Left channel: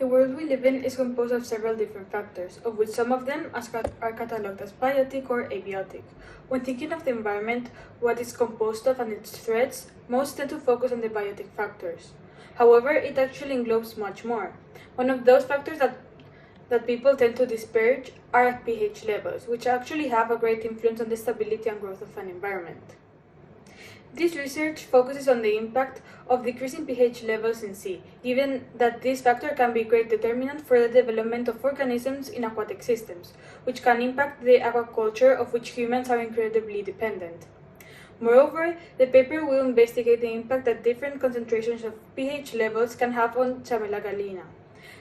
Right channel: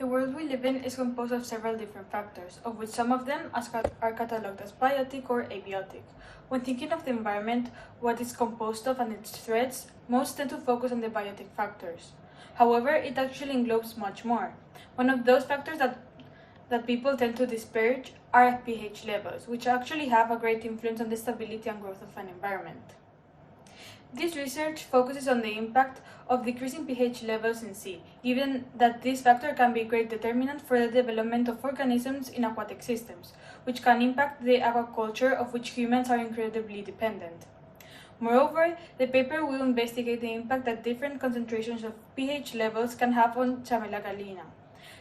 The world we live in is composed of several different factors, of which some of them are catalogued as biotic or abiotic. When thinking of the environment, what it's composed of and its threats, most tend to focus on the biotic factors. However, it actually englobes much more. One of those factors that people tend to disparage are pH levels, which actually have a great influence on the stability and growth of an environment. This research focuses on the impact of decreasing pH levels in sea, given that this factor can be a great determinant for the development of organisms in aquatic systems, which can impact the aquaculture of which humans are incredibly dependent. Moreover, the paper will investigate the impact that different concentrations of pH levels can have on Chamella gallina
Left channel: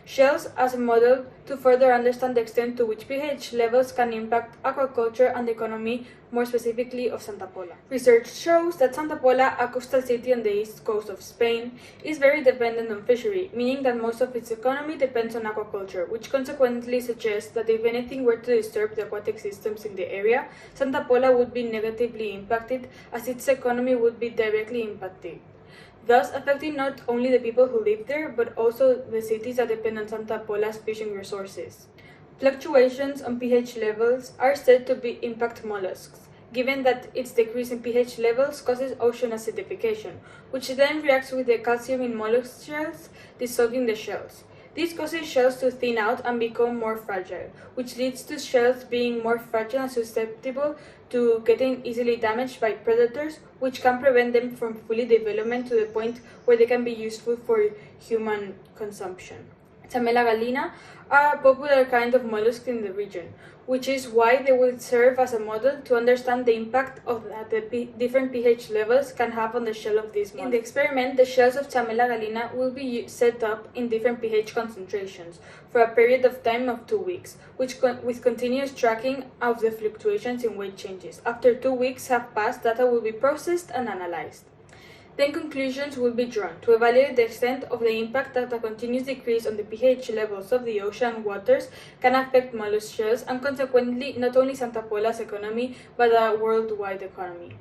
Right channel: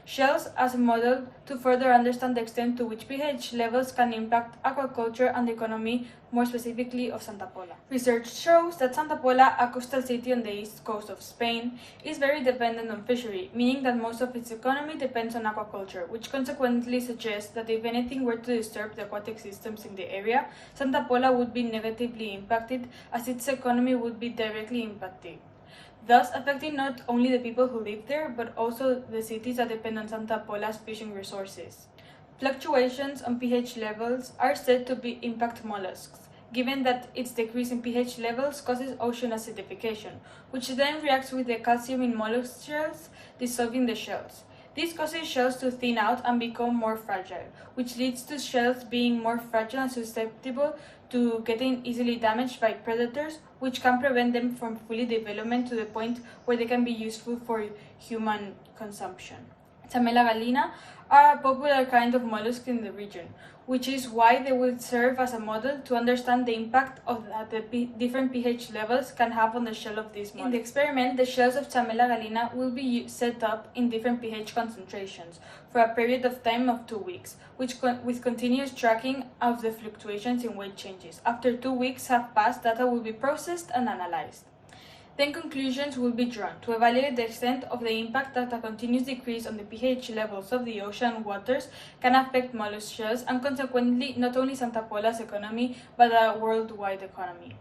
shells as a model to further understand the extent to which pH levels can impact aquaculture and the economy, more specifically of Santa Pola. Research shows that Santa Pola, a coastal city on the east coast of Spain, is very dependent on fishery, meaning that most of its economy depends on aquaculture, which consequently suggests that if anything were to disturb the aquatic systems in the area, Santa Pola would be negatively impacted, as its economy would be directly impacted, thus affecting not only the people who live there, but also the cities that depend on Santa Pola's fishing resources. Fluctuations on pH levels are said to impact mollusks, given that its decrease in pH levels causes ocean acidification, which then reacts with the calcium in mollusk shells, dissolving the shells. This causes shells to thin out and become more fragile, which leads to shells being more fragile and susceptible to getting easily damaged by predators, which can prevent them from fully development to the point where they can be useful for human consumption. Chamella gallina are a popular kind of mollusk in the region, which is why they will serve as a model to understand the impact of that the different pH levels can have on the shell of these mollusks. In the experiment, the shells of Chamella gallina will be set up in different pH concentrations for a period of time of 2 weeks, with continuous tracking of the fluctuations in weight changes. After 2 weeks have passed, data will be processed and analyzed. Then conclusions will be drawn to evaluate the extent of the impact that a continuous decrease on the pH levels of the ocean waters can affect mollusk shells and consequently not only Santa Pola's economy but a worldwide economy.